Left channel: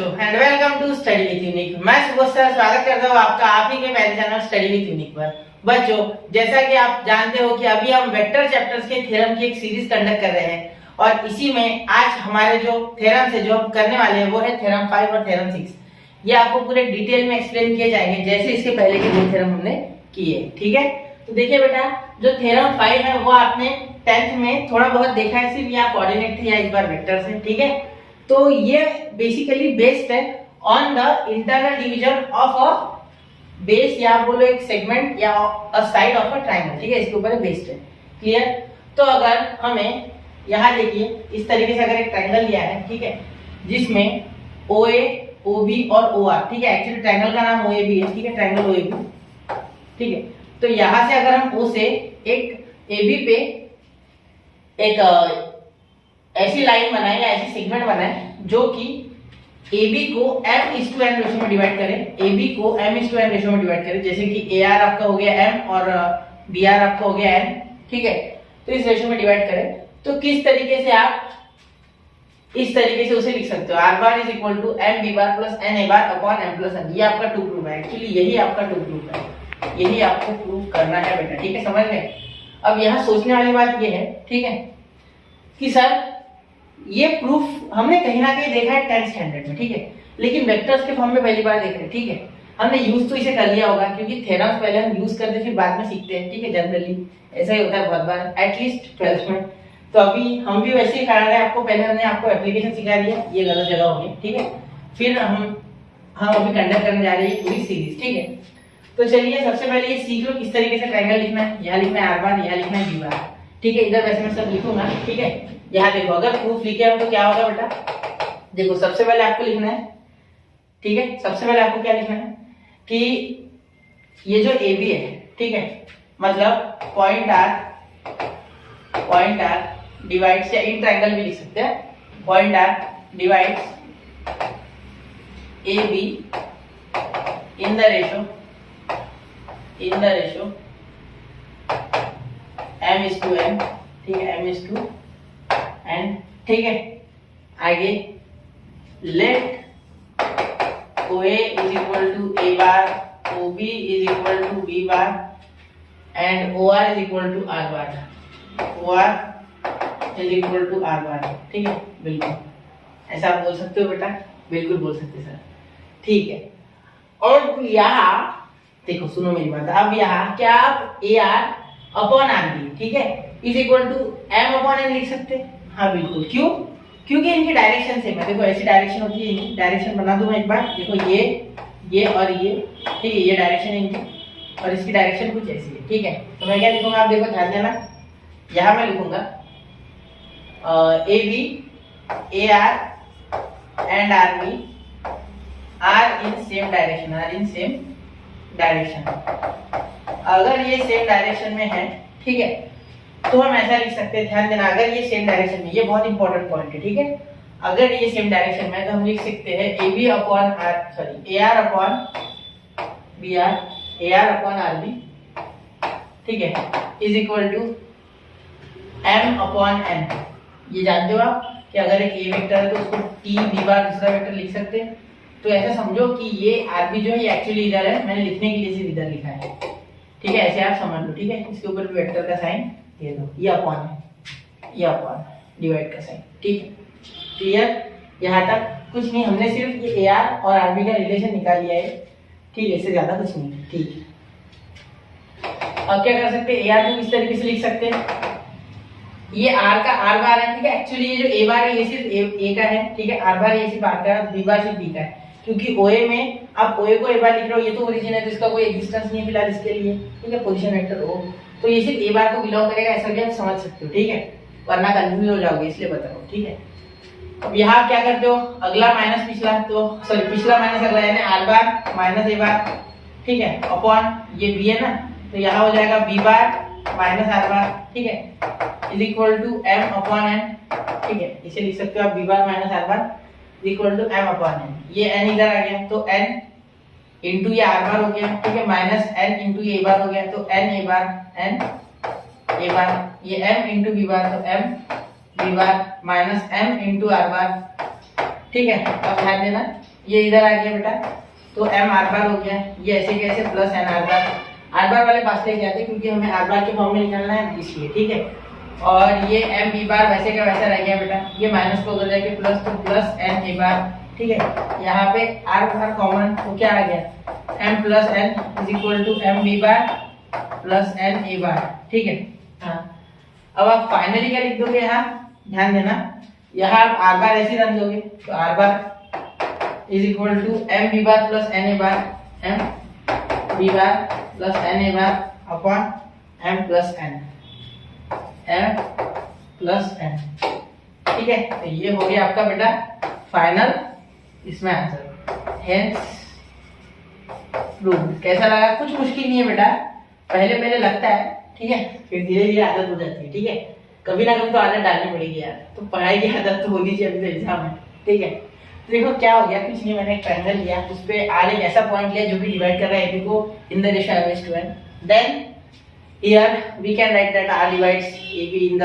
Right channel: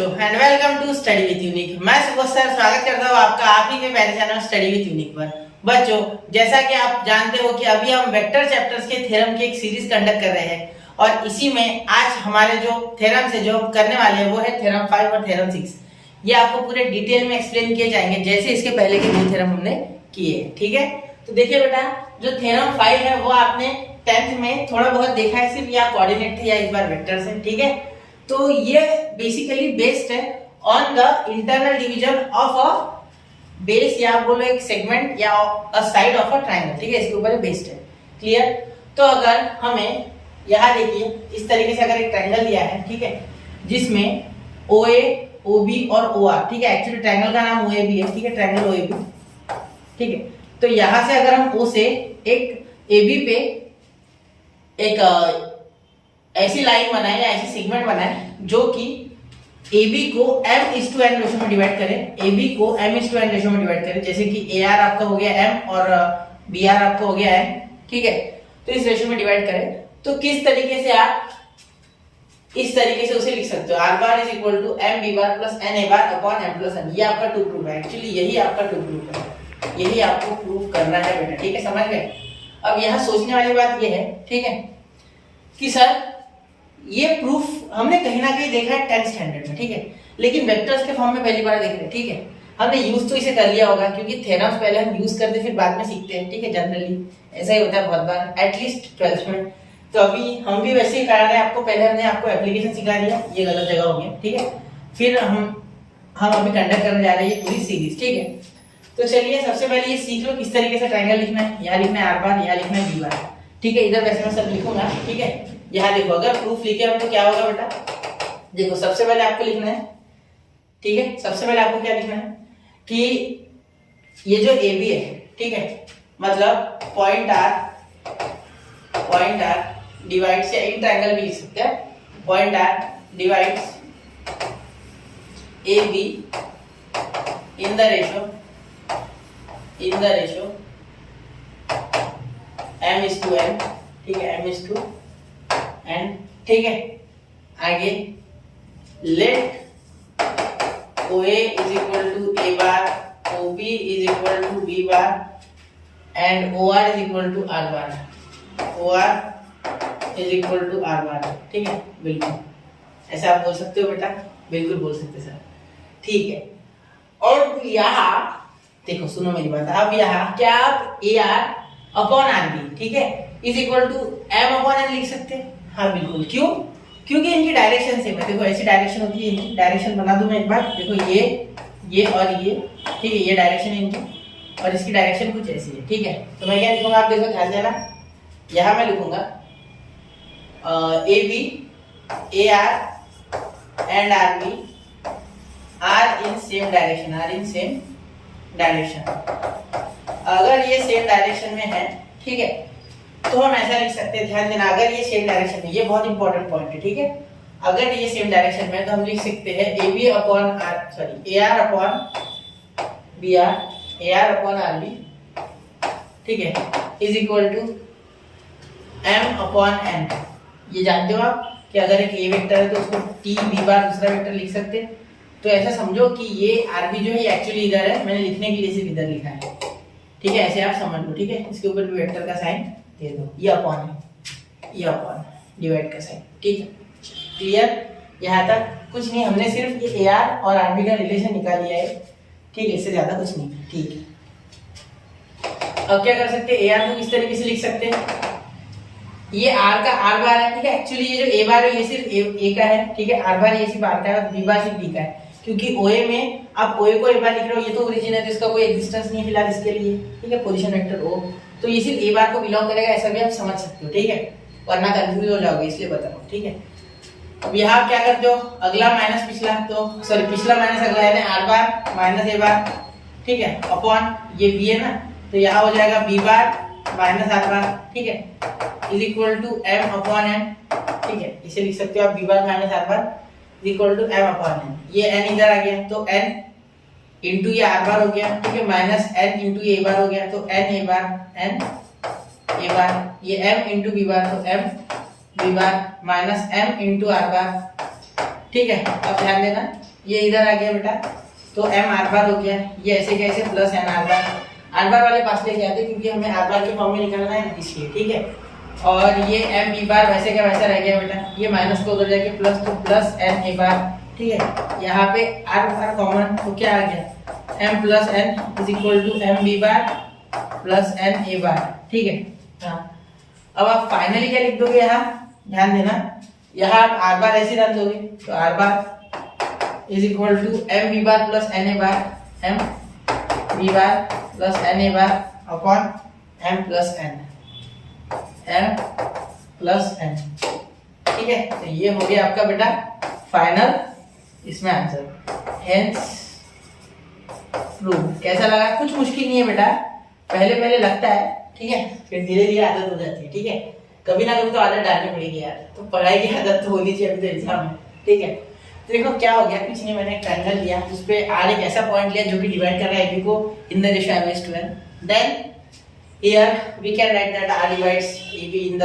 बच्चों and welcome to study with Unique. मैं Subodh sir स्वागत करता हूँ आपका आप ही के पहले चैनल स्टडी विद यूनिक पर। बच्चों जैसा कि आप जानते हो कि अभी हम वेक्टर चैप्टर्स के थ्योरम की एक सीरीज कंडक्ट कर रहे हैं और इसी में आज हमारे जो थ्योरम से जो हम करने वाले हैं वो है थ्योरम 5 और थ्योरम 6। ये आपको पूरे डिटेल में एक्सप्लेन किए जाएंगे जैसे इसके पहले के दो थ्योरम हमने किए। ठीक है, तो देखिए बेटा, जो थ्योरम 5 है वो आपने 10th में थोड़ा बहुत देखा है, सिर्फ या कोऑर्डिनेट थे या इस बार वेक्टर्स है। ठीक है, तो ये बेसिकली बेस्ड है on the internal division of a base या आप बोलो एक सेगमेंट या अ साइड ऑफ अ ट्रायंगल। ठीक है, इसके ऊपर बेस्ड है। क्लियर? तो अगर हमें यहाँ देखिए इस तरीके से अगर एक ट्रायंगल दिया है, ठीक है, जिसमें OA, OB और OR, ठीक है, एक्चुअली ट्रायंगल का नाम OAB है, ठीक है, ट्रायंगल OAB, ठीक है। तो यहाँ से अगर हम O से एक AB पे एक ऐसी लाइन बनाए या ऐसी सेगमेंट बनाए जो कि AB को m:n रेशो में डिवाइड करे, AB को m:n रेशो में डिवाइड करे, जैसे कि AR आपका हो गया m और BR आपका हो गया n, ठीक है, तो इस रेशो में डिवाइड करें तो किस तरीके से आप इस तरीके से उसे लिख सकते हो, R bar is equal to m B bar plus n A bar upon m plus n। ये आपका टू प्रूफ है, एक्चुअली यही आपका टू प्रूफ है, यही आपको प्रूफ करना है बेटा। ठीक है, समझ गए? अब यहाँ सोचने वाली बात ये है, ठीक है, कि सर ये प्रूफ हमने कहीं ना कहीं देखा है 10th स्टैंडर्ड में, ठीक है, लेकिन वेक्टर्स के फॉर्म में पहली बार देख रहे हैं। ठीक है, हमने यूज तो इसे कर लिया होगा क्योंकि थ्योरम्स पहले हम यूज करते फिर बाद में सीखते हैं। ठीक है, जनरली ऐसा ही होता है बहुत बार, एटलीस्ट 12th में। तो अभी हम भी वैसे ही करा रहे हैं आपको, पहले हमने आपको एप्लीकेशन सिखा दिया, ये गलत जगह हो गया। ठीक है, फिर हम अभी कंडक्ट करने जा रहे हैं पूरी सीरीज। ठीक है, तो चलिए सबसे पहले ये सीख लो किस तरीके से ट्रायंगल लिखना है। यहाँ लिखना है R बार, यहाँ लिखना है B बार। ठीक है, इधर वैसे मैं सब लिखूंगा। ठीक है, यहाँ देखो अगर प्रूफ लिखे हो तो क्या होगा बेटा, देखो सबसे पहले आपको लिखना है, ठीक है, सबसे पहले आपको क्या लिखना है कि ये जो AB है, ठीक है, मतलब पॉइंट R डिवाइड्स, या इन ट्रायंगल भी लिख सकते हैं, point R divides AB in the ratio m:n, ठीक है, m:n, ठीक है। आगे let OA is equal to A bar, OB is equal to B bar and OR is equal to R bar, OR is equal to R bar. ठीक है, बिल्कुल ऐसा आप बोल सकते हो बेटा, बिल्कुल बोल सकते सर। ठीक है, और यहाँ देखो सुनो मेरी बात, अब यहाँ क्या आप AR अपॉन RB, ठीक है, is equal to m upon n लिख सकते हैं। हाँ बिल्कुल, क्यों? क्योंकि इनकी डायरेक्शन सेम है। देखो ऐसी डायरेक्शन होती है, इनकी डायरेक्शन बना दूं मैं एक बार, देखो ये और ये, ठीक है, ये डायरेक्शन है इनकी और इसकी डायरेक्शन कुछ ऐसी है। ठीक है, तो मैं क्या लिखूंगा आप देखो ध्यान देना, यहाँ मैं लिखूंगा AB AR and RB are in same direction. अगर ये सेम डायरेक्शन में है, ठीक है, तो हम ऐसा लिख सकते हैं, ध्यान देना, अगर ये सेम डायरेक्शन में, ये बहुत इंपॉर्टेंट पॉइंट है। ठीक है, अगर ये सेम डायरेक्शन में है तो हम लिख सकते हैं AB upon AR upon BR, AR upon RB, ठीक है, is equal to m upon n। ये जानते हो आप कि अगर एक A वेक्टर है तो उसको T B बार दूसरा वेक्टर लिख सकते हैं। तो ऐसा समझो कि ये RB जो है ये एक्चुअली इधर है, मैंने लिखने के लिए सिर्फ इधर लिखा है। ठीक है, ऐसे आप समझ लो। ठीक है, इसके ऊपर भी वेक्टर का साइन दे दो, ये अपॉन है, ये अपॉन डिवाइड का साइन। ठीक है, क्लियर? यहाँ तक कुछ नहीं, हमने सिर्फ ये AR और RB का रिलेशन निकाल लिया है। ठीक है, इससे ज्यादा कुछ नहीं। ठीक है, अब क्या कर सकते हैं, AR को इस तरीके से लिख सकते हैं, ये R बार है, ठीक है, एक्चुअली ये जो A बार है ये सिर्फ A का है, ठीक है, R बार ये सिर्फ R का है, B बार सिर्फ B का है, क्योंकि OA में आप OA को A बार लिख रहे हो, ये तो ओरिजिन है तो इसका कोई एग्जिस्टेंस नहीं है फिलहाल इसके लिए। ठीक है, पोजीशन वेक्टर O, तो ये सिर्फ A बार को बिलोंग करेगा, ऐसा भी आप समझ सकते हो। ठीक है, वरना कंफ्यूज हो जाओगे, इसलिए बता रहा हूँ। ठीक है, अब यहाँ क्या करते हो, अगला माइनस पिछला, तो सॉरी पिछला माइनस अगला, यानी R bar minus A bar, ठीक है, अपॉन ये B है ना, तो यहाँ हो जाएगा B bar minus R bar, ठीक है, is equal to m upon n। ठीक है, इसे लिख सकते हो आप B bar minus R bar is equal to m upon n। ये n इधर आ गया तो n इंटू ये R बार हो गया, ठीक है, माइनस n इंटू ये A बार हो गया, तो n A बार, ये m इंटू B बार, तो m B bar minus m into R bar. ठीक है, अब ध्यान देना ये इधर आ गया बेटा, तो m आर बार हो गया, ये ऐसे कैसे प्लस n आर बार वाले पास लेके आते क्योंकि हमें आर बार के फॉर्म में निकालना है इसलिए, ठीक है। और ये m b बार वैसे का वैसा रह गया बेटा, ये माइनस को उधर जाके प्लस, तो प्लस n a बार, ठीक है। यहाँ पे r कॉमन, तो क्या आ गया m plus n is equal to m b bar plus n a bar, ठीक है। हाँ, अब आप फाइनली क्या लिख दोगे, यहाँ ध्यान देना, यहाँ आप आर बार ऐसे रन दोगे, तो R bar is equal to M B bar plus N A bar, M B bar plus N A bar upon M plus N, M plus N, ठीक है। तो ये हो गया आपका बेटा फाइनल इसमें आंसर, हेंस प्रूव। कैसा लगा? कुछ मुश्किल नहीं है बेटा, पहले लगता है, ठीक है, फिर धीरे धीरे आदत हो जाती है, ठीक है। कभी ना कभी तो आदत डालनी पड़ेगी यार, तो पढ़ाई की आदत तो होनी चाहिए, अभी तो एग्जाम है, ठीक है। तो देखो क्या हो गया, कुछ नहीं, मैंने एक ट्रायंगल लिया, उस पे आर एक ऐसा पॉइंट लिया जो कि डिवाइड कर रहा है एबी को in the ratio m/n, then here we can write that R divides AB in the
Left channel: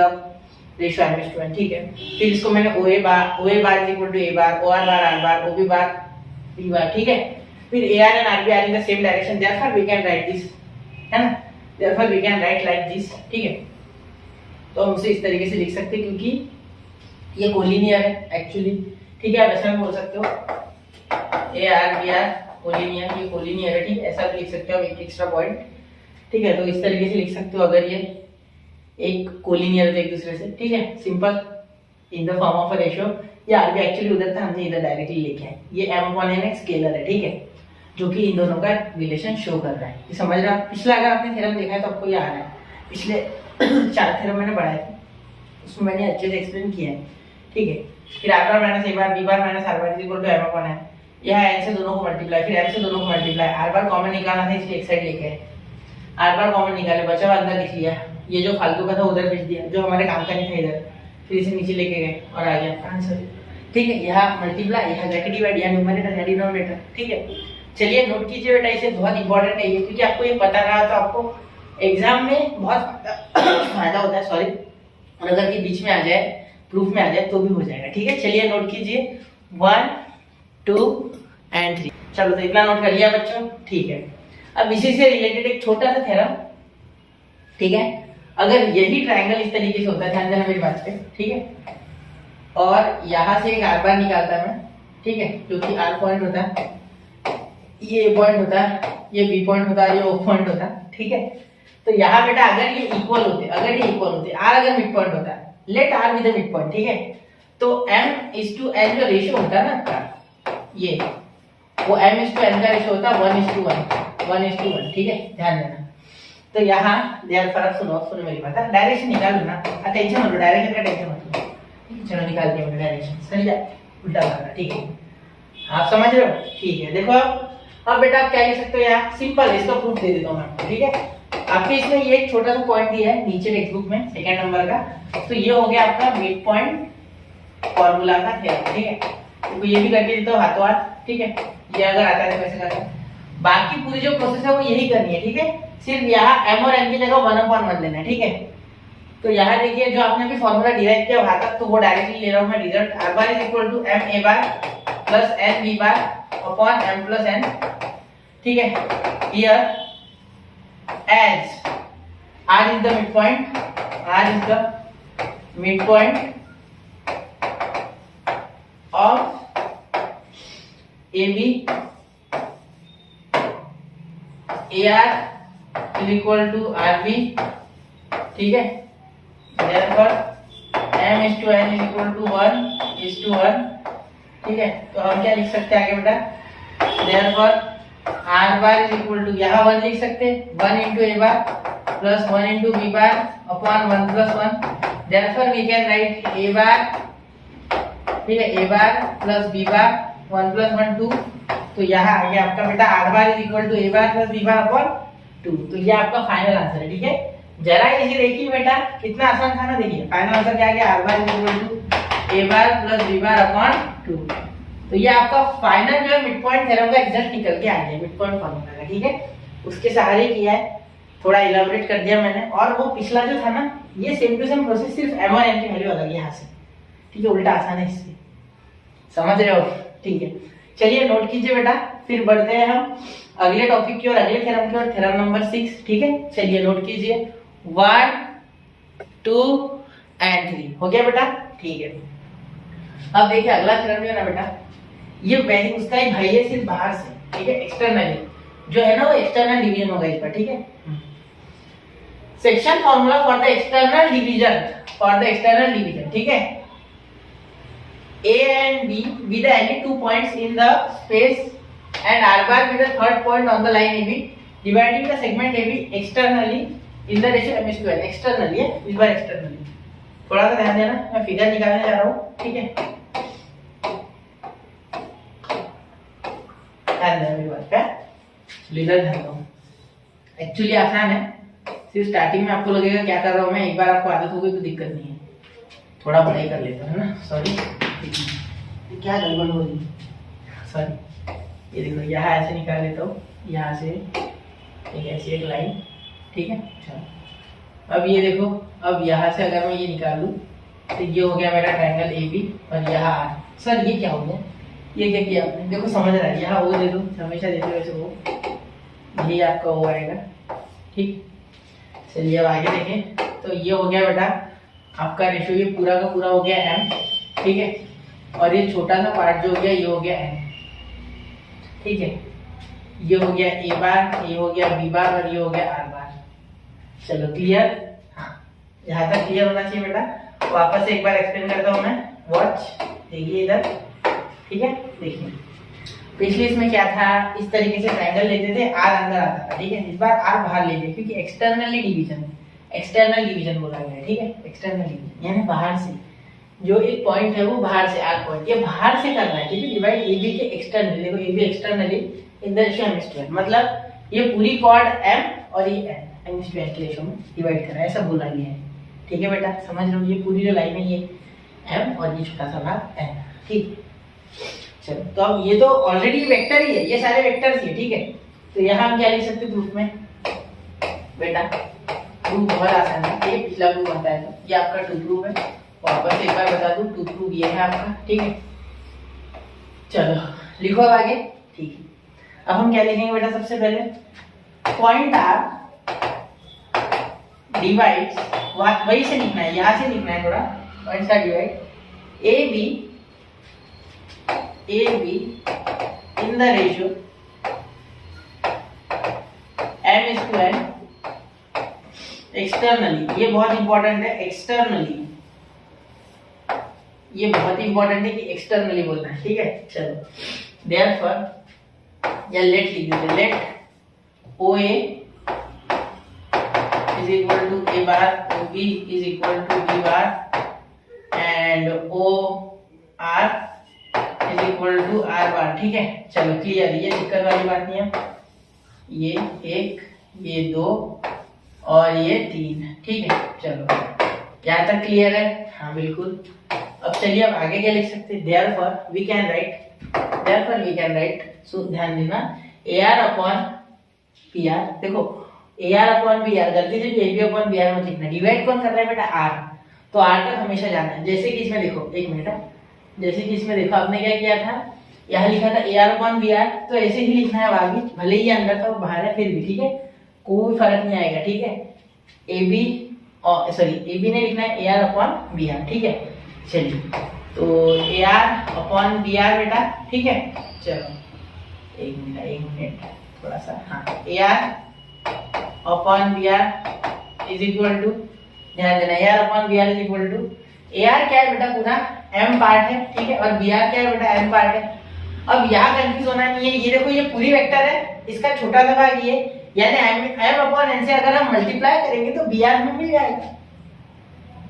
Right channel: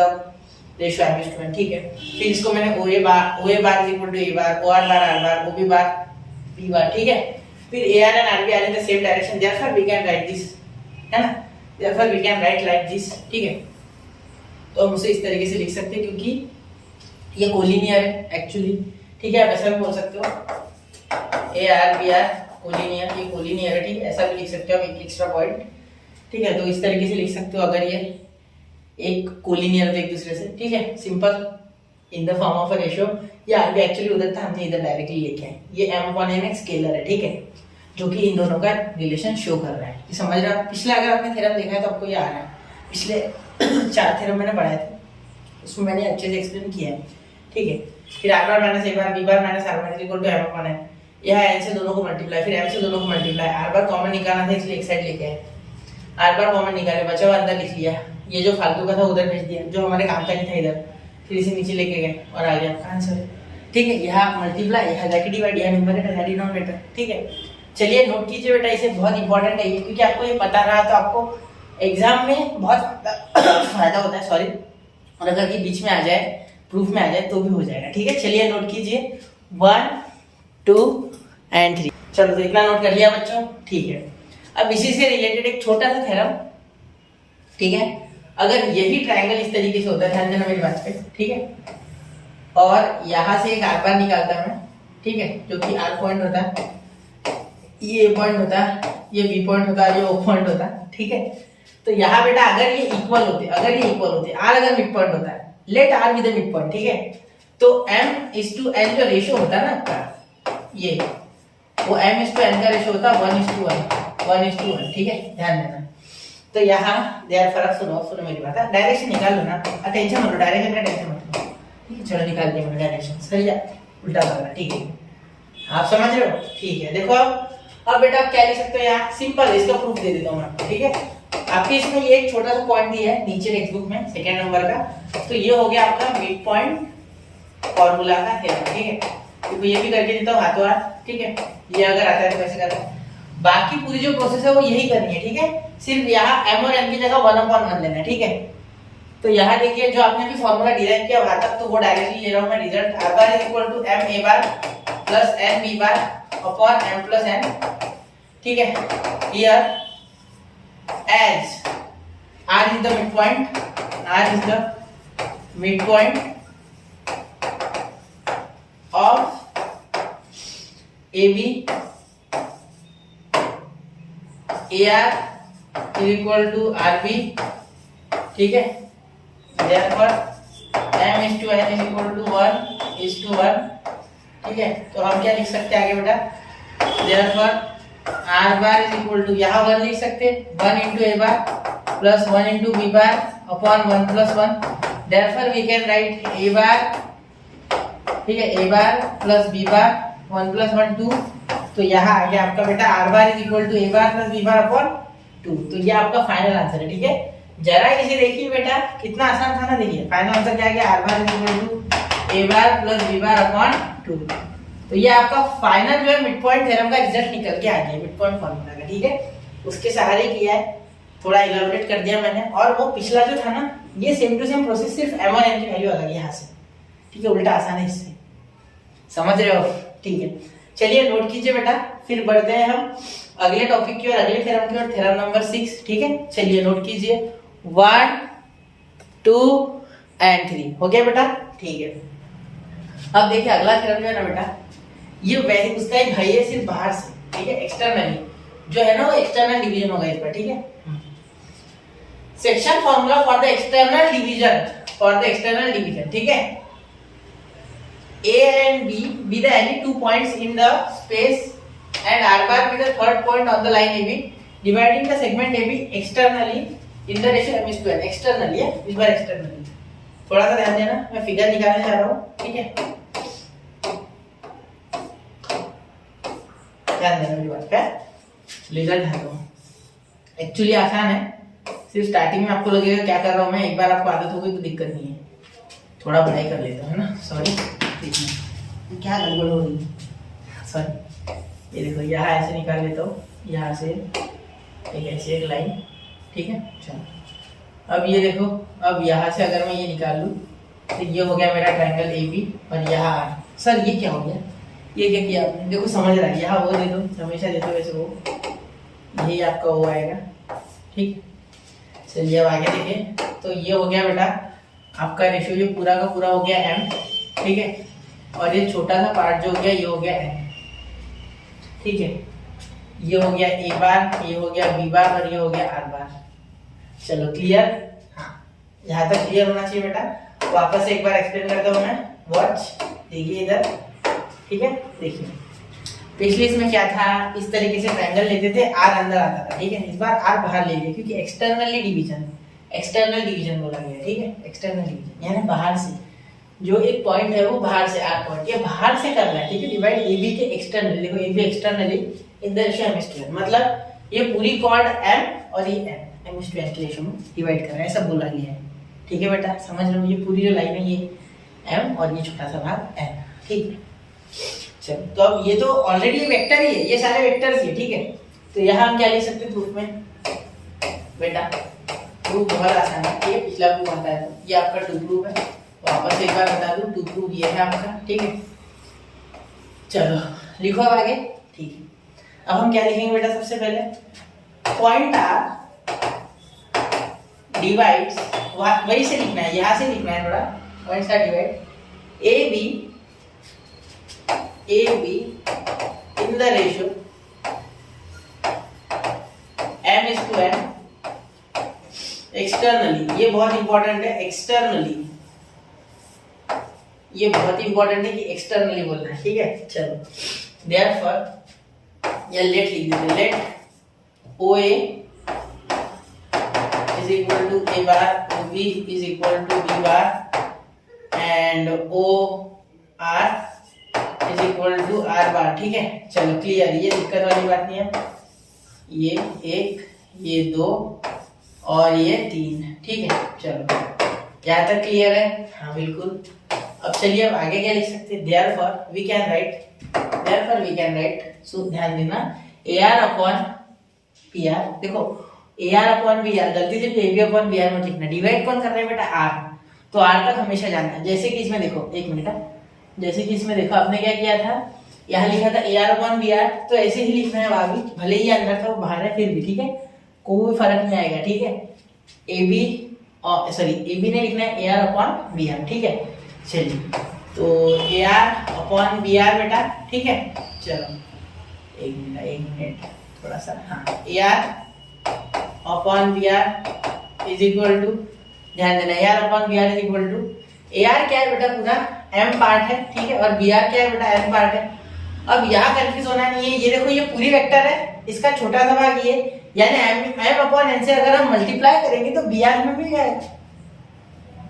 ratio m/n, ठीक है। फिर इसको मैंने OA bar is equal to A bar, OR bar R bar, OB bar B bar, ठीक है। फिर AR and RB are in the same direction, therefore we can write this, है ना, therefore we can write like this, ठीक है। तो हम उसे इस तरीके से लिख सकते हैं क्योंकि ये कोलिनियर है एक्चुअली, ठीक है। आप ऐसा भी बोल सकते हो AR BR कोलिनियर, ये कोलिनियर है, ठीक है, ऐसा भी लिख सकते हो, एक एक्स्ट्रा पॉइंट, ठीक है। तो इस तरीके से लिख सकते हो अगर ये एक कोलिनियर तो एक दूसरे से, ठीक है, simple in the form of a ratio. ये RB एक्चुअली उधर था, हमने इधर डायरेक्टली लिखे हैं, ये m/n एक स्केलर है, ठीक है, जो कि इन दोनों का रिलेशन शो कर रहा है, ये समझ रहे हो। पिछला अगर आपने थ्योरम देखा है तो आपको ये आ रहा है, पिछले 4 थ्योरम मैंने पढ़ाए थे, उसमें मैंने अच्छे से एक्सप्लेन किया है, ठीक है। फिर R bar minus A bar, B bar minus R bar equal to m/n, यह n से दोनों को मल्टीप्लाई, फिर m से दोनों को मल्टीप्लाई, आर बार कॉमन निकालना था इसलिए एक साइड लेके आए, आर बार कॉमन निकाले, बचा हुआ अंदर लिख लिया, ये जो फालतू का था उधर भेज दिया, जो हमारे काम का नहीं था इधर, फिर इसे नीचे लेके गए और आ गया आपका आंसर, ठीक है। यहाँ मल्टीप्लाई, यहाँ जाके डिवाइड, यहाँ न्यूमरेटर यहाँ डिनोमिनेटर, ठीक है। चलिए नोट कीजिए बेटा, इसे बहुत इंपॉर्टेंट है ये, क्योंकि आपको ये पता रहा तो आपको एग्जाम में बहुत फायदा होता है, सॉरी, और अगर ये बीच में आ जाए, प्रूफ में आ जाए तो भी हो जाएगा, ठीक है। चलिए नोट कीजिए 1 2 एंड 3, चलो तो इतना नोट कर लिया बच्चों, ठीक है। अब इसी से रिलेटेड एक छोटा सा थ्योरम, ठीक है। अगर यही ट्रायंगल इस तरीके से होता है, ध्यान देना मेरी बात पे, ठीक है, और यहाँ से एक आर बार निकालता मैं, ठीक है, जो कि आर पॉइंट होता है, ये ए पॉइंट होता है, ये बी पॉइंट होता है, ये ओ पॉइंट होता है, ठीक है। तो यहाँ बेटा अगर ये इक्वल होते, आर अगर मिड पॉइंट होता है, let R with mid point, ठीक है, तो m/n जो रेशियो होता है ना आपका, ये वो m/n का रेशियो होता है 1:1, ठीक है, ध्यान देना। तो यहाँ देयरफॉर आप सुनो मेरी बात, डायरेक्शन निकाल लो ना, टेंशन मत लो, डायरेक्शन का टेंशन मत लो, ठीक है। चलो निकाल दिया मैंने डायरेक्शन, सही है, उल्टा करना, ठीक है, आप समझ रहे हो, ठीक है। देखो अब बेटा आप क्या लिख सकते हो, यहाँ सिंपल है, इसका प्रूफ दे देता हूँ मैं आपको, ठीक है। आपके इसमें ये एक छोटा सा पॉइंट दिया है नीचे टेक्स्ट बुक में 2nd नंबर का, तो ये हो गया आपका मिड पॉइंट फॉर्मूला का थ्योरम, ठीक है। तो ये भी करके देता हूँ हाथों हाथ, ठीक है, ये अगर आता है तो वैसे करते हैं। बाकी पूरी जो प्रोसेस है वो यही करनी है, ठीक है। सिर्फ यहाँ m और n की जगह 1/1 लेना है, ठीक है। तो यहाँ देखिए जो आपने अभी फॉर्मूला डिराइव किया वहां तक, तो वो डायरेक्टली ले रहा हूँ मैं result, r bar is equal to m a bar plus n b bar upon m plus n, ठीक है। Here as r is the midpoint, of AB, AR is equal to RB, ठीक है। therefore m/n is equal to 1:1, ठीक है। तो हम क्या लिख सकते हैं आगे बेटा, therefore r bar is equal to, यहाँ 1 लिख सकते हैं, 1 into a bar plus 1 into b bar upon 1 + 1, therefore we can write a bar, ठीक है, a bar plus b bar 1 + 1 2, तो यहाँ आ गया आपका बेटा r bar is equal to a bar plus b bar upon 2, तो ये आपका फाइनल आंसर है, ठीक है। जरा इसे देखिए बेटा, कितना आसान था ना, देखिए फाइनल आंसर क्या आ गया, r bar is equal to a bar plus b bar upon 2, तो ये आपका फाइनल जो है मिड पॉइंट थ्योरम का रिजल्ट निकल के आ गया, मिड पॉइंट फॉर्मूला का, ठीक है। उसके सहारे किया है, थोड़ा इलाबोरेट कर दिया मैंने, और वो पिछला जो था ना, ये सेम टू सेम प्रोसेस, सिर्फ m और n की वैल्यू अलग है यहाँ से, ठीक है, उल्टा आसान है इससे, समझ रहे हो, ठीक है। चलिए नोट कीजिए बेटा, फिर बढ़ते हैं हम अगले टॉपिक की और अगले थ्योरम की ओर, थ्योरम नंबर 6। ठीक है, चलिए नोट कीजिए 1 2 एंड 3 हो गया बेटा। ठीक है, अब देखिए अगला थ्योरम जो है ना बेटा, ये वैसे उसका ही भाई है सिर्फ बाहर से, ठीक है, एक्सटर्नली जो है ना वो एक्सटर्नल डिवीजन होगा इस पर। ठीक है, section formula for the external division, ठीक है, A and B be the any 2 points in the space and R bar be the third point on the line AB, dividing the segment AB externally in the ratio m/2n। externally है, इस बार externally थोड़ा सा ध्यान देना, मैं figure निकालने जा रहा हूँ। ठीक है, ध्यान देना मेरी बात का, लेजर ध्यान दो। एक्चुअली आसान है, सिर्फ स्टार्टिंग में आपको लगेगा क्या कर रहा हूँ मैं, एक बार आपको आदत हो गई तो दिक्कत नहीं है। थोड़ा पढ़ाई कर लेता है ना, सॉरी क्या गड़बड़ हो रही है, सॉरी। ये देखो यहाँ ऐसे निकाल लेता हूँ, यहाँ से एक ऐसी एक लाइन, ठीक है। चलो अब ये देखो, अब यहाँ से अगर मैं ये निकाल लूँ तो ये हो गया मेरा ट्रायंगल ए बी, और यहाँ आर। सर ये क्या हो गया, ये क्या किया आपने, देखो समझ रहा है, यहाँ वो दे दो, हमेशा देते वैसे वो, यही आपका वो आएगा। ठीक, चलिए अब आगे देखें, तो ये हो गया बेटा आपका रेशियो, ये पूरा का पूरा हो गया m, ठीक है, और ये छोटा सा पार्ट जो हो गया ये हो गया n, ठीक है, ये हो गया a बार, ये हो गया b बार, और ये हो गया r बार। चलो क्लियर, हाँ यहाँ तक क्लियर होना चाहिए बेटा। वापस से एक बार एक्सप्लेन करता हूँ मैं, वॉच देखिए इधर, ठीक है, देखिए पिछले इसमें क्या था, इस तरीके से ट्रायंगल लेते थे, r अंदर आता था, ठीक है, इस बार r बाहर ले लिया क्योंकि एक्सटर्नल डिवीजन बोला गया है। ठीक है, एक्सटर्नल डिवीजन यानी बाहर से जो एक पॉइंट है वो बाहर से, आर पॉइंट ये बाहर से करना है। ठीक है, डिवाइड ए बी के एक्सटर्नली, देखो A B externally in the ratio m/n, मतलब ये पूरी कॉर्ड m और ये n m/n के रेशियो में डिवाइड कर रहा है, ऐसा बोला गया है। ठीक है बेटा, समझ रहे हो, ये पूरी जो लाइन है ये m और ये छोटा सा भाग n। ठीक है, चलो तो अब ये तो ऑलरेडी वेक्टर ही है, ये सारे वेक्टर्स ही है। ठीक है, तो यहाँ हम क्या लिख सकते हैं प्रूफ में बेटा, प्रूफ बहुत आसान है, ये पिछला प्रूफ आता है, तो ये आपका टू प्रूफ है। वापस एक बार बता दूं, टू प्रूफ ये है आपका। ठीक है, चलो लिखो अब आगे। ठीक है, अब हम क्या लिखेंगे बेटा, सबसे पहले पॉइंट आर डिवाइड्स, वही से लिखना है, यहाँ से लिखना है थोड़ा, points are divide A B in the ratio m/n externally. ये बहुत इंपॉर्टेंट है, एक्सटर्नली, ये बहुत इंपॉर्टेंट है कि एक्सटर्नली बोलना है। ठीक है, चलो देयरफॉर या लेट लिख देते हैं, let OA is equal to A bar, OB is equal to B bar and OR is equal to R bar. ठीक है, चलो क्लियर, ये दिक्कत वाली बात नहीं है, ये 1, ये 2 और ये 3। ठीक है, चलो यहाँ तक क्लियर है, हाँ बिल्कुल। अब चलिए अब आगे क्या लिख सकते हैं, देयरफॉर वी कैन राइट, सो ध्यान देना AR अपॉन PR, देखो AR अपॉन BR, गलती से भी AB अपॉन BR मत लिखना, डिवाइड कौन कर रहा है बेटा, R, तो R तक हमेशा जाना है। जैसे कि इसमें देखो, एक मिनट, जैसे कि इसमें देखो आपने क्या किया था, यहाँ लिखा था AR अपॉन BR, तो ऐसे ही लिखना है वहां भी, भले ही अंदर था वो बाहर है फिर भी। ठीक है, कोई फर्क नहीं आएगा। ठीक है, AB ने लिखना है AR अपॉन BR। ठीक है, चलिए तो AR अपॉन BR बेटा। ठीक है, चलो एक मिनट थोड़ा सा, हाँ AR upon BR is equal to, ध्यान देना AR upon BR is equal to, AR क्या है बेटा, पूरा M पार्ट है। ठीक है, और BR क्या है बेटा, N पार्ट है। अब यहाँ कंफ्यूज होना नहीं है, ये देखो ये पूरी वेक्टर है, इसका छोटा सा भाग ये, यानी M अपॉन N से अगर हम मल्टीप्लाई करेंगे तो BR हमें मिल जाएगा।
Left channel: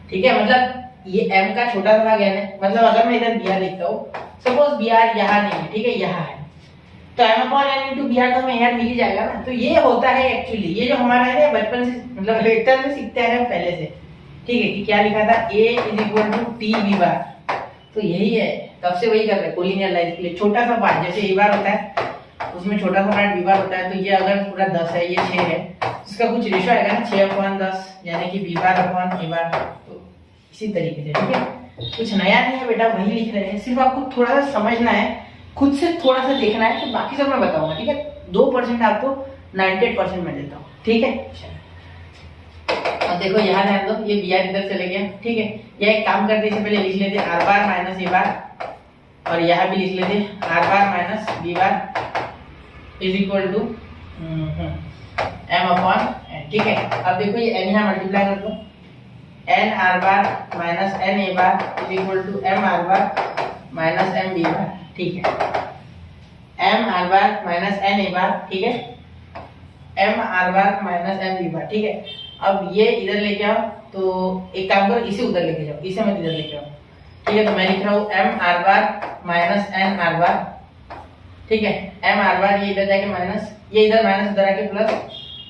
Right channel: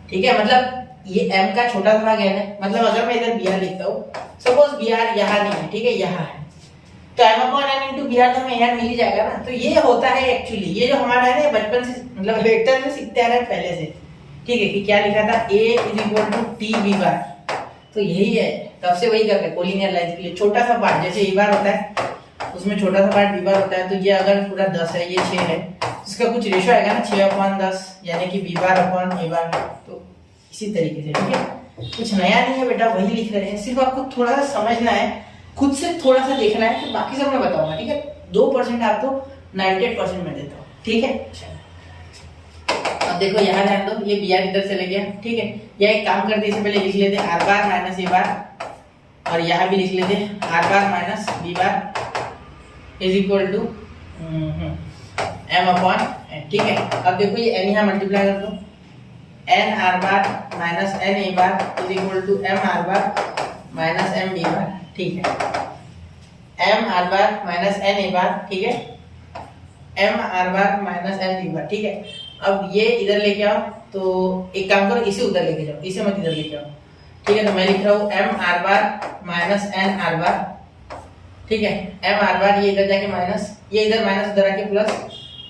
ठीक है, मतलब ये M का छोटा सा भाग N है, मतलब अगर मैं इधर BR लिखता हूँ, सपोज BR यहाँ नहीं है, ठीक है, यहाँ है, तो M upon N into BR तो हमें यार मिल ही जाएगा ना। तो ये होता है एक्चुअली, ये जो हमारा है ना बचपन से, मतलब वेक्टर में सीखते आ रहे हैं पहले से। ठीक है, कि क्या लिखा था, A is equal to TB bar, तो यही है, तब से वही कर रहे हैं कोलिनियर लाइंस के लिए। छोटा सा पार्ट जैसे A बार होता है, उसमें छोटा सा पार्ट B बार होता है, तो ये अगर पूरा 10 है, ये 6 है, इसका कुछ रेशो आएगा ना 6/10, यानी कि B बार अपॉन A बार, तो इसी तरीके से। ठीक है, कुछ नया नहीं है बेटा, वही लिख रहे हैं, सिर्फ आपको थोड़ा सा समझना है खुद से थोड़ा सा देखना है, फिर बाकी सब मैं बताऊंगा, ठीक है। 2% आपको 98% में देता हूँ, ठीक है। अब देखो यहाँ ध्यान दो, ये बी आर इधर चले गया, ठीक है। या एक काम करते इससे पहले लिख लेते आर बार माइनस ए बार, और यहाँ भी लिख लेते R bar minus B bar is equal to M upon N, ठीक है। अब देखो ये एन यहाँ मल्टीप्लाई कर दो, N R bar minus N A bar is equal to M R bar minus M B bar, ठीक है। M R bar minus N A bar, ठीक है, M R bar minus M B bar, ठीक है। अब ये इधर लेके आओ, तो एक काम करो इसे उधर लेके जाओ, इसे मत इधर लेके आओ, ठीक है। तो मैं लिख रहा हूँ M R bar minus N R bar, ठीक है। एम आर बार ये इधर जाके माइनस, ये इधर माइनस उधर आके प्लस,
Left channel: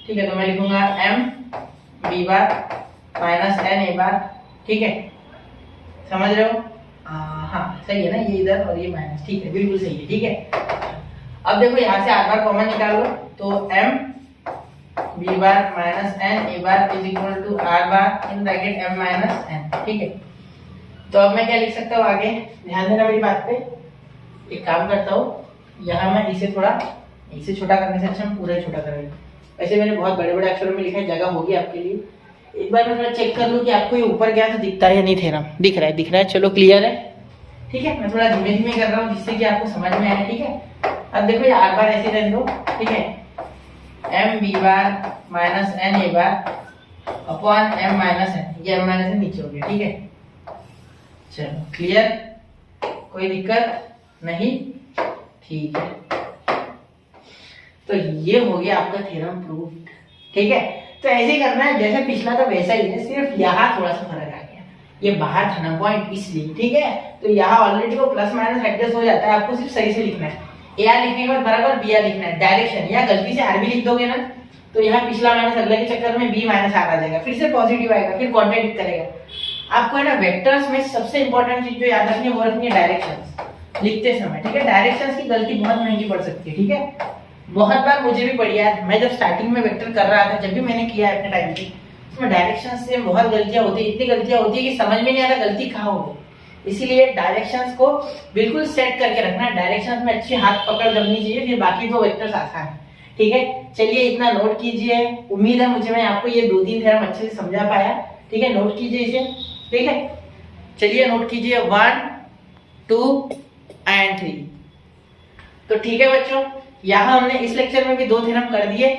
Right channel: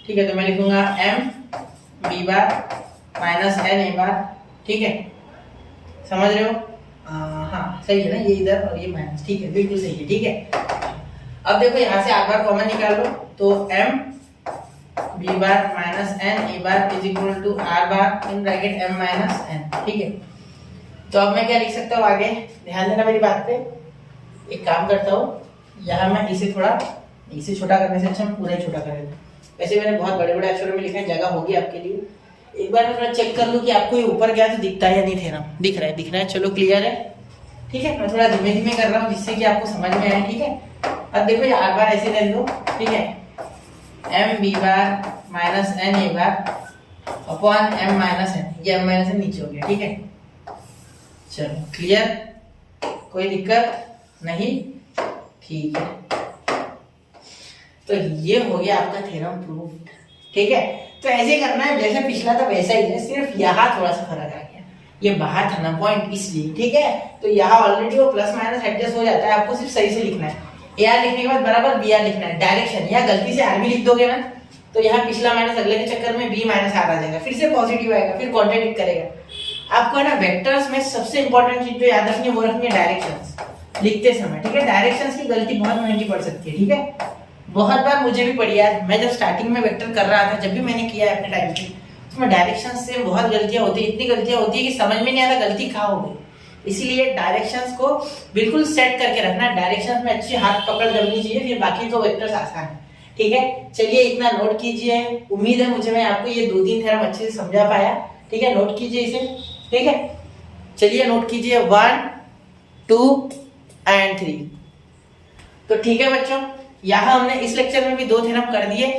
ठीक है। तो मैं लिखूंगा M B bar minus N A bar, ठीक है। समझ रहे हो? हाँ सही है ना, ये इधर और ये माइनस, ठीक है, बिल्कुल सही है, ठीक है। अब देखो यहाँ से आर बार कॉमन निकाल लो, तो M B bar minus N A bar is equal to R bar in bracket M minus N, ठीक है। तो अब मैं क्या लिख सकता हूँ आगे, ध्यान देना मेरी बात पे। एक काम करता हूँ, यहाँ मैं इसे थोड़ा, इसे छोटा करने से अच्छा हम पूरा ही छोटा करेंगे। वैसे मैंने बहुत बड़े बड़े अक्षरों में लिखा है, जगह होगी आपके लिए। एक बार मैं थोड़ा चेक कर लूँ कि आपको ये ऊपर क्या तो दिखता है या नहीं। थेरम दिख रहा है, दिख रहा है, चलो क्लियर है, ठीक है। मैं थोड़ा धीमे धीमे कर रहा हूँ जिससे कि आपको समझ में आए, ठीक है। अब देखो ये आर बार ऐसे रहने दो, ठीक है। M B bar minus N A bar upon M minus N, ये एम माइनस एन नीचे हो गया, ठीक है। चलो क्लियर, कोई दिक्कत नहीं, ठीक है। तो ये हो गया आपका थ्योरम प्रूव्ड, ठीक है। तो ऐसे करना है जैसे पिछला था वैसा ही है, सिर्फ यहाँ थोड़ा सा फर्क आ गया, ये बाहर था ना पॉइंट, इसलिए, ठीक है। तो यहाँ ऑलरेडी वो प्लस माइनस एडजस्ट हो जाता है, आपको सिर्फ सही से लिखना है। ए आर लिखने के बाद बराबर बी आर लिखना है, डायरेक्शन। यहाँ गलती से आर भी लिख दोगे ना, तो यहाँ पिछला माइनस अगले के चक्कर में बी माइनस आर आ जाएगा, फिर से पॉजिटिव आएगा, फिर कॉन्ट्रडिक्ट करेगा। आपको है ना वेक्टर्स में सबसे इंपॉर्टेंट चीज जो याद रखनी है वो रखनी है डायरेक्शंस लिखते समय, ठीक है। डायरेक्शंस की गलती बहुत महंगी पड़ सकती है, ठीक है। बहुत बार मुझे भी पड़ी यार, मैं जब स्टार्टिंग में वेक्टर कर रहा था, जब भी मैंने किया है अपने टाइम पे, उसमें डायरेक्शंस से बहुत गलतियां होती है, इतनी गलतियां होती है कि समझ में नहीं आता गलती कहाँ हो गई। इसीलिए डायरेक्शंस को बिल्कुल सेट करके रखना, डायरेक्शंस में अच्छी हाथ पकड़ जमनी चाहिए, फिर बाकी तो वेक्टर्स आसान है, ठीक है। चलिए इतना नोट कीजिए, उम्मीद है मुझे मैं आपको ये 2-3 थ्योरम अच्छे से समझा पाया, ठीक है। नोट कीजिए इसे, ठीक है। चलिए नोट कीजिए 1, 2 एंड 3। तो ठीक है बच्चों, यहाँ हमने इस लेक्चर में भी 2 थ्योरम कर दिए।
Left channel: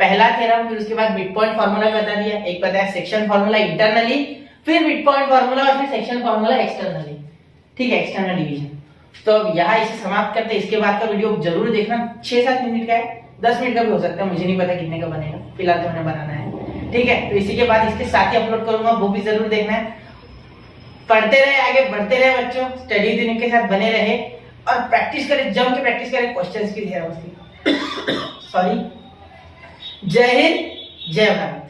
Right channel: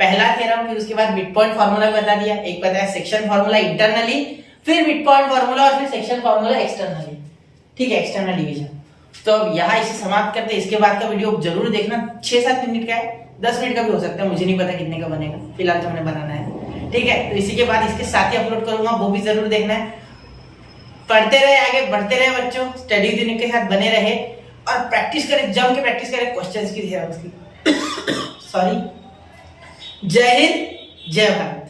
पहला थ्योरम, फिर उसके बाद मिड पॉइंट फार्मूला बता दिया, एक बताया सेक्शन फार्मूला इंटरनली, फिर मिड पॉइंट फार्मूला और फिर सेक्शन फार्मूला एक्सटर्नली, ठीक है, एक्सटर्नल डिवीजन। तो अब यहाँ इसे समाप्त करते हैं। इसके बाद का वीडियो जरूर देखना, 6-7 मिनट का है, 10 मिनट का भी हो सकता है, मुझे नहीं पता कितने का बनेगा, फिलहाल तो मैंने बनाना है, ठीक है। तो इसी के बाद इसके साथ ही अपलोड करूंगा, वो भी जरूर देखना है। पढ़ते रहे, आगे बढ़ते रहे बच्चों, स्टडी दिन के साथ बने रहे और प्रैक्टिस करें, जम के प्रैक्टिस करें क्वेश्चंस की, थ्योरम्स की। सॉरी। जय हिंद, जय भारत।